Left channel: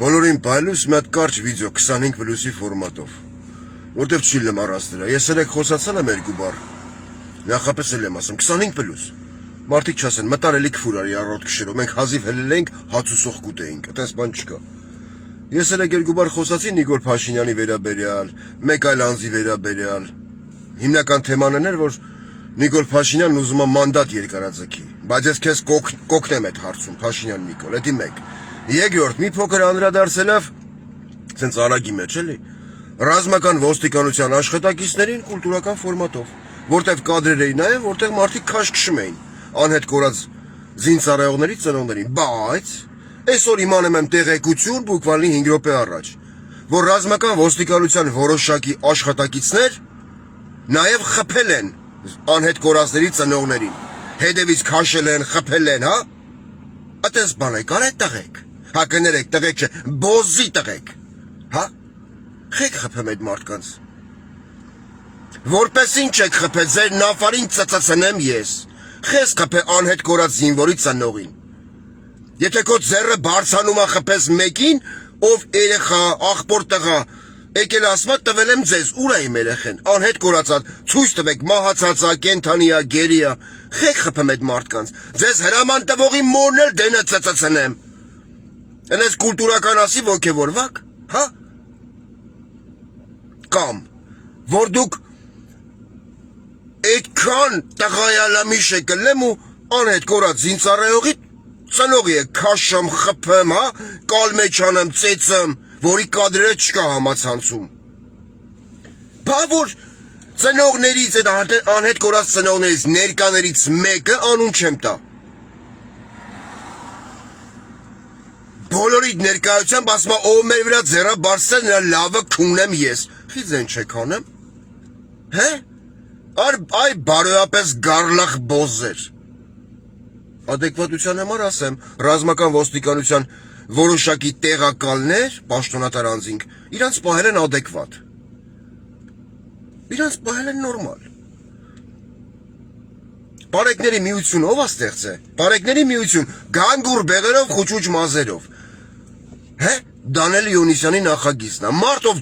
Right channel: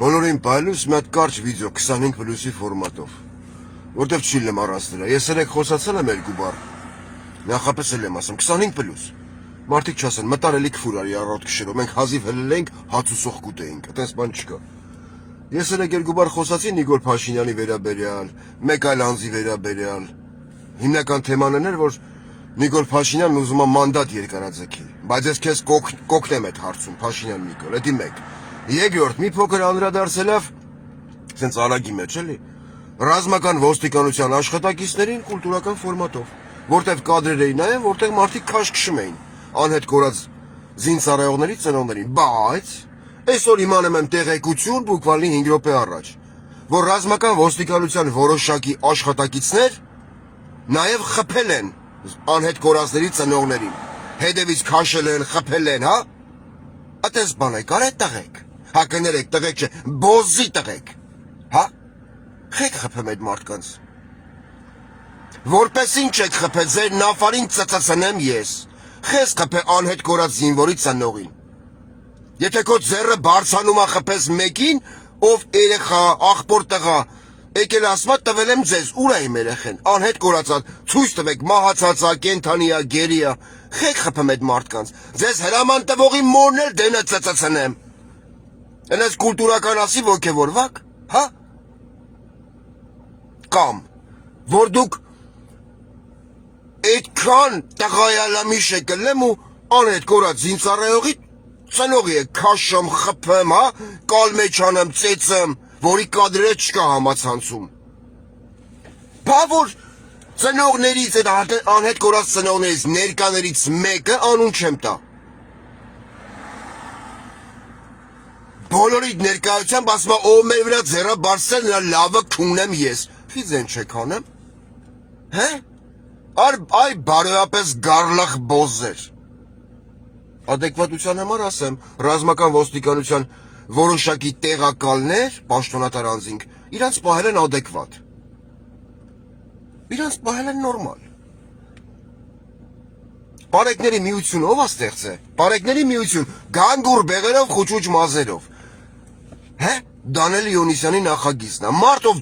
Բոլորին բայլուս մի հատ կարճ վիդեո 25 պլյուսի ֆորմատով, որտև չի լմարացնելա, ես երեք խոսացել եմ երկու բառ, նախապես էլ եմ ասում, 25 պլյուս, մարդիկ չասեն, մտարելի կվուր արի առոտ կշերով, մենք հազիվ հելել ենք, հաց ու սոխ կուտեինք, այտենց բան չկա։ Ես երեք երկու բառ խոսացի Նիկոլ Փաշինյանի վերաբերյալ, մեկ այլ անձի վերաբերյալ, հիմնական թեմանն էր, որ Նիկոլ Փաշինյանն ուզում է մանդատ երկարաձգի, բայց ես քեզ կօգնեմ այդ հարցում, Փաշինյան Նիկոլ, էդի մեկ։ Երկրորդ, մի փոքր անդրադարձելով, սենց արագի մեջ էլի, ռազմական ոստիկանության աշխատակիցներին կուլտուրական ֆորմատով, որտեղ կադրեր էին նայում, որտեղ մարդիկ քաշքշում էին, անհետ կորած զինծառայողների ծնողներին, բայց այսօր իմանում եմ տեղեկություն բուկվալի 5 րոպե առաջ, որ ռազմական ոստիկանության որոշակի աշխատակիցներ նաև խփել են անհետ կորածների ծնողներին, հետևից քաշել են, խփել են, հա? Այդպես բան եք արել տղեկ, հա կներեք տղեկ չէ, բոզի տղեկ, հա? Խեք խփեմ այդ մարդկանց, որպես ինչ եք խփել, ձեր նավարին ծծծնեմ ես, խես խփե անհետ կորած զինվորի ծնողին, եթե քո ձեռը բարձանում է խփես մեկին, ով երեխա, աղբոր տղա, եկել ասма տվել եմ ձեզ, ուր է իմ երեխեն, անհետ կորածած, ցույց տվեք, մահացածա, կենթանիա, գերիա, խեք խփեմ այդ մարդկանց, ձեզ հրաման տվողի մորն էլ դենը ծծծնեմ, ընես կուլտուրական ասի ոգևորվակ, հա? Կամ, որ դուք այդքան տղայալամիշ եք լեմ ու անհետ կորած զինծառայողի ծնողի եք քաշեմ, խփեմ, հա, կալմեչանեմ, ծեծեմ, որի կադրերը չկա համացանցում։ Բա որ ծնողներից, այդ անհետ կորած ծնողներից, ներկաներից մեկը անուն չեմ տա։ Բոլորի ներկայությամբ ասում է, ով մեր վրա ձեռը բարձրացել, նրա լավը քունեմ ես։ Խի ձեն չեք անեմ։ Հե? Այ բարոյապես գարլախ բոզեր։ Ադեկվատության համար ասեմ, ռազմական ոստիկանության որոշակի տեղակալներ, պաշտոնատար անձինք, իրանց պահել են ադեկվատ։ Իրանց պահել են նորմալ։ Պարեկների միություն ով է ստեղծել։ Պարեկների միություն գանգուր բեղերով, խուճուճ մազերով։ Հե? Դանիել Իոնիսյանի նախագիծն է։ Մարտով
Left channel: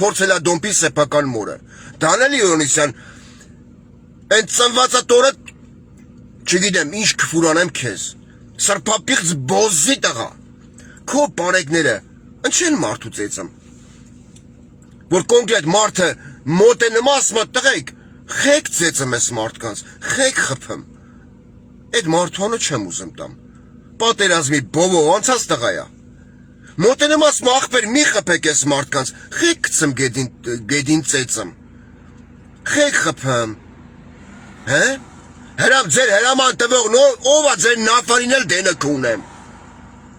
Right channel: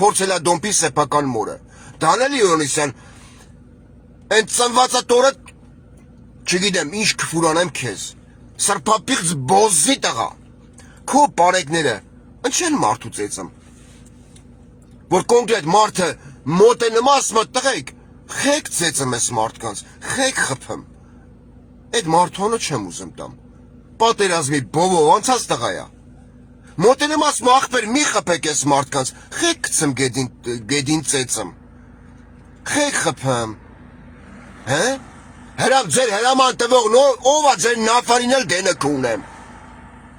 փորձել է դոմպի սեփական մորը։ Դանիել Իոնիսյան այն ծնվածա տորը չգիտեմ ինչ կֆուրանեմ քեզ։ Սրբապիղծ բոզի տղա։ Քո պարեկները ընչեն մարդու ծեծեմ։ Որ կոնկրետ մարդը մոտ է նմասմը տղեկ, խեք ծեծեմ ես մարդկանց, խեք խփեմ։ Այդ մարդոնը չեմ ուզում տամ։ Պատերազմի բովով անցած տղա է։ Մոտ է նմասմը աղբեր մի խփեք ես մարդկանց, խեք գցեմ գեդին ծեծեմ։ Խեք խփեմ։ Հե? Ձեր հրաման տվողն ով է ձեր նավարին էլ դենը կունեմ։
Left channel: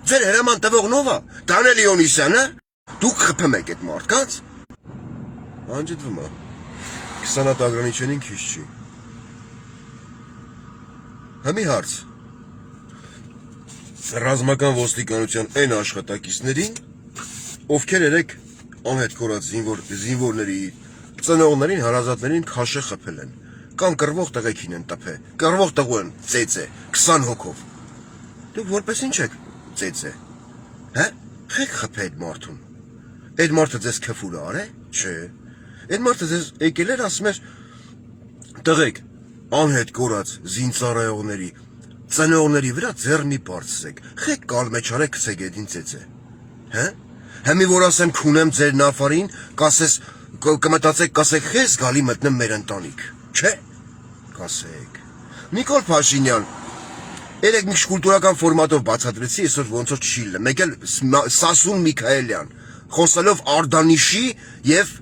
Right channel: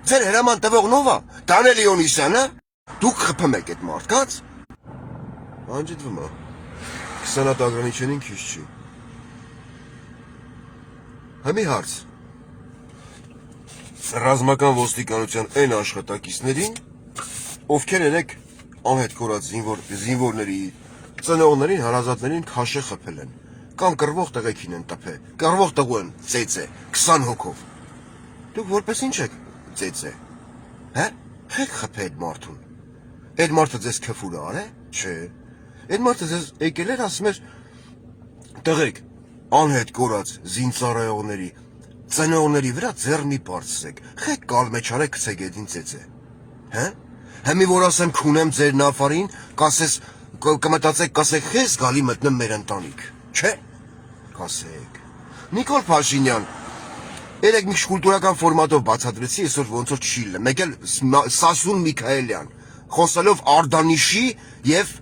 Ձեր հրաման տվողն ով է, Դանիել Իոնիսյանը, դուք խփեմ եք այդ մարդկանց։ Անջդվում է, 20 հատ ագրանիչենին քիչ չի։ Համի հարց, ռազմական ոստիկանության այն աշխատակիցներին, ովքեր երեք անհետ կորած զինվորների, ծնողներին, հարազատներին քաշե խփել են, կամ կռվող տղեկին են տփե, կռվող տղու են ծեծե, 20 հոգով։ Դուք որպես ինչ եք ծեծե, հե? Խեք խփե այդ մարդուն։ Այդ մարդը ձեզ քֆուր արե, չէ։ Այդ մարդը ձեզ եկել էր ասում էր, տղեկ, անհետ կորած զինծառայողների, ծնողների վրա ձեռնի բարձրեք, խեք կալմեչարեք քսեք էդին ծեծե, հե? Հեմի որ ասեմ քունեմ ձեր նավարին, կմտածեք, կասեք խես գալի մտնեմ մեր ընտանիք, չէ, կասեք, Նիկոլ Փաշինյան, երեք մի կուլտուրական ֆորմատով բացատրեցի, այսօր ոնց որ չի լը, մեկ էլ Սասուն Միքայելյան, խոսալով Արտանիշի և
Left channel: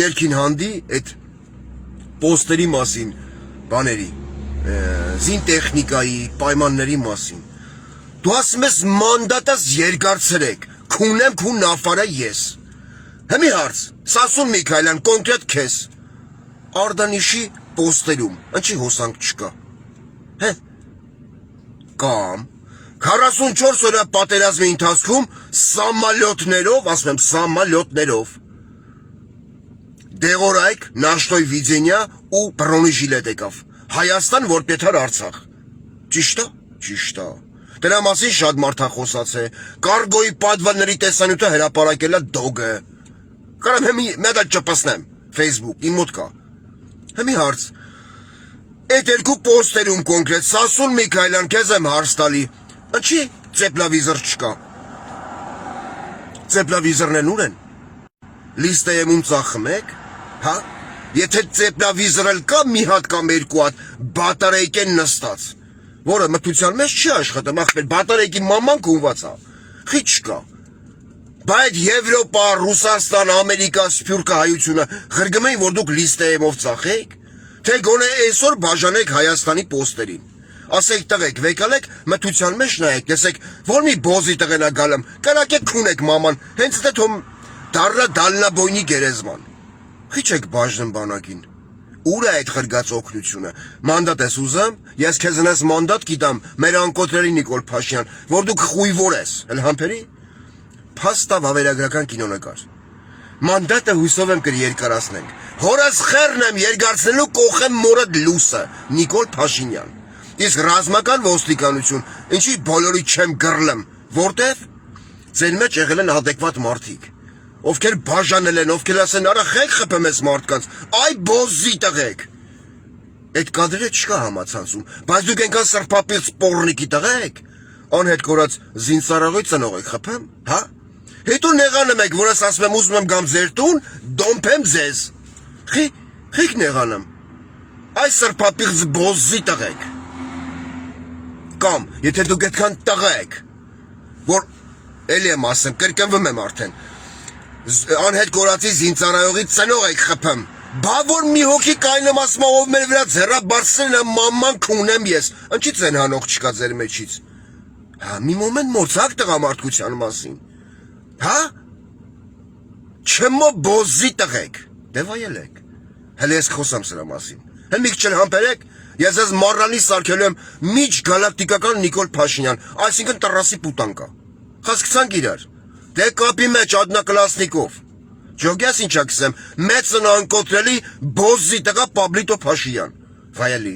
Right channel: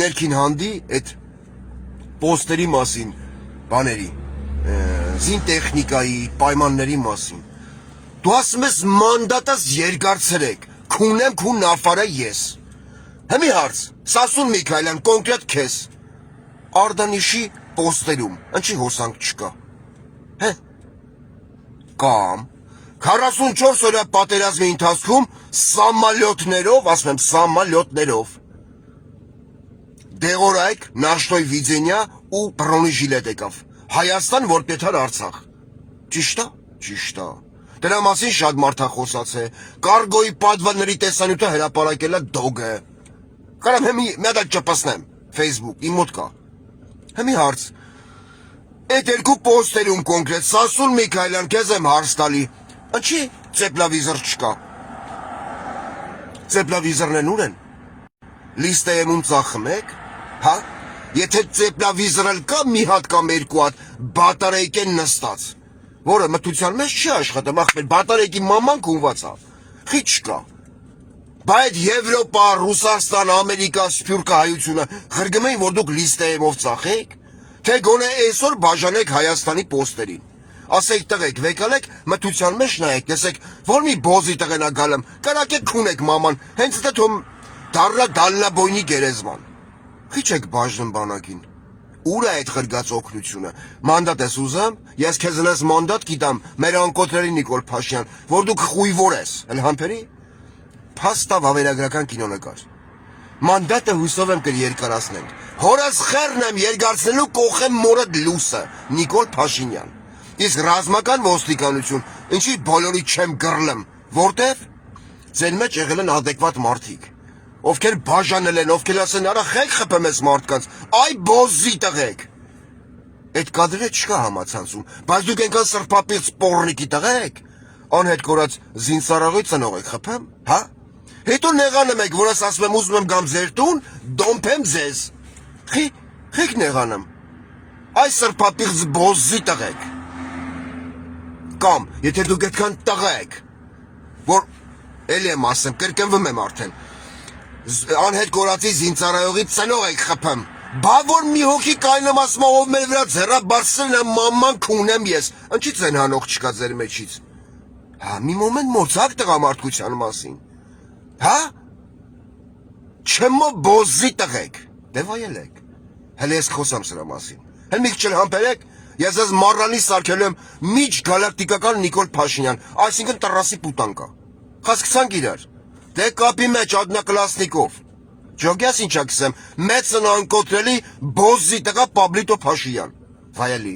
ներքին հանդի այդ պոստերի մասին, բաների, զինտեխնիկայի, պայմանների մասին, դու ասում ես մանդատս երկարցրեք, քունեմ քուն նավարը ես, հմի հարց, Սասուն Միքայելյան, կոնկրետ քեզ, Արտանիշի պոստերում, ընչի հոսանք չկա, հե, կամ 44 օրյա պատերազմի ընթացքում սամալյոտներով, ասում եմ սամալյոտներով, դեղորայք, Նաշտոյ Վիդենյա ու Բրոնի ժիլետ եկավ, Հայաստան, որ Պետար Արցախ, ճիշտ է, ճիշտ է, Դրա մասին շատ մարդ է խոսացել։ Կարգոյի պատվաների տեսանյութը հրապարակել է դոգը։ Կարամ հիմի մի հատ չպսնեմ Facebook, իմ մոտ կա։ Հիմի հարց։ Այդ երկու պոստերում կոնկրետ Սասուն Միքայելյան քեզ եմ հարց տալի։ Ինչի ծեպլավիզոր չկա։ Ծեպլավիզորն ուր են։ Լիստայում ծախում եք, հա։ Եթե ծեպլավիզորը կա մի հատ կամ երկու հատ բատարայքեն նստած, որը մթության մեջ չի աշխատում, ախպեր բատարայքի մաման կունված է։ Խի չկա։ Բայց Եվրոպա, Ռուսաստան, Ամերիկա, Սփյուռքը հայությունը ղրգում էին, որ դուք լիստայով ծախեք, թե գոնե այսօր բաժանեք Հայաստանի պոստերին։ Ասեք տղեկ, վեկալեք, մթության մեջ նայեք, տեսեք, որ մի բոզի տղենա գալեմ, կրակեք քունեք մաման, հենց դա թում դառնա դալնաբոյնի գերեզման։ Խի չեք բաժնում բանակին։ Ուր է այդ ղրգած օգնությունը։ Մանդատ ես ուզում, ես քեզ նես մանդատ գիտամ, մեր անկոտրելի Նիկոլ Փաշինյան, որ դուք խույվոր ես, էլ համբերի։ Փաստա վավերագրական կինոնկար։ Մանդատը հույսով եմ կերկարացնենք։ Հորս խեռն եմ երկարցնելու կողեմ մորդ լուսը, Նիկոլ Փաշինյան։ Իսկ ռազմական ոստիկանություն, ինչի բոլորի չեմ գրլեմ, որտև ձեր մեջ եղել են adekvat մարդիկ, ովքեր բաժանել են, ովքեր ասեն, արա խեք խփեմ ես մարդկանց, այ բոզի տղեկ։ Այդ կադրը չկա համացանցում, բայց դուք ենքան սրպապից պորնիկի տղեկ, անհետ կորած զինծառայողի ծնող եք խփեմ, հա։ Հետո նեղանում եք, որ ես ասում եմ ուզում եմ գամ ձեր տուն, դոմփեմ ձեզ։ Խիք նեղանամ։ Այս սրպապից բոզի տղեկ։ Կամ, եթե դուք այդքան տղա եք, որ էլի եմ ասեմ, կրկնվում եմ արդեն, անհետ կորածի զինծառայողի ծնող եք խփեմ, բա որ մի հոգի կայնեմ ասում ով մեր վրա ձեռաբարձրն է մաման քունեմ ես, ինչի՞ց են հանող չկա ձեր մեջից, հա, մի մոմենտ մոծակ տղամարդկության մասին, հա, չմո բոզի տղեք, դե վայելեք, հələ ես խոսամ սրա մասին, հəլ մի քիչ համբերեք, ես ես մարրանի սարքելու եմ միջ գալակտիկական Նիկոլ Փաշինյան, այսինքն տրասի պուտանկա, խասկցանք իրար, դե կապի մեջ ադնակլասնիկով, ջոգյաս ինչա կսեմ, մեծն անկոտրելի բոզի տղա Պաբլիտո Փաշինյան, վայելի,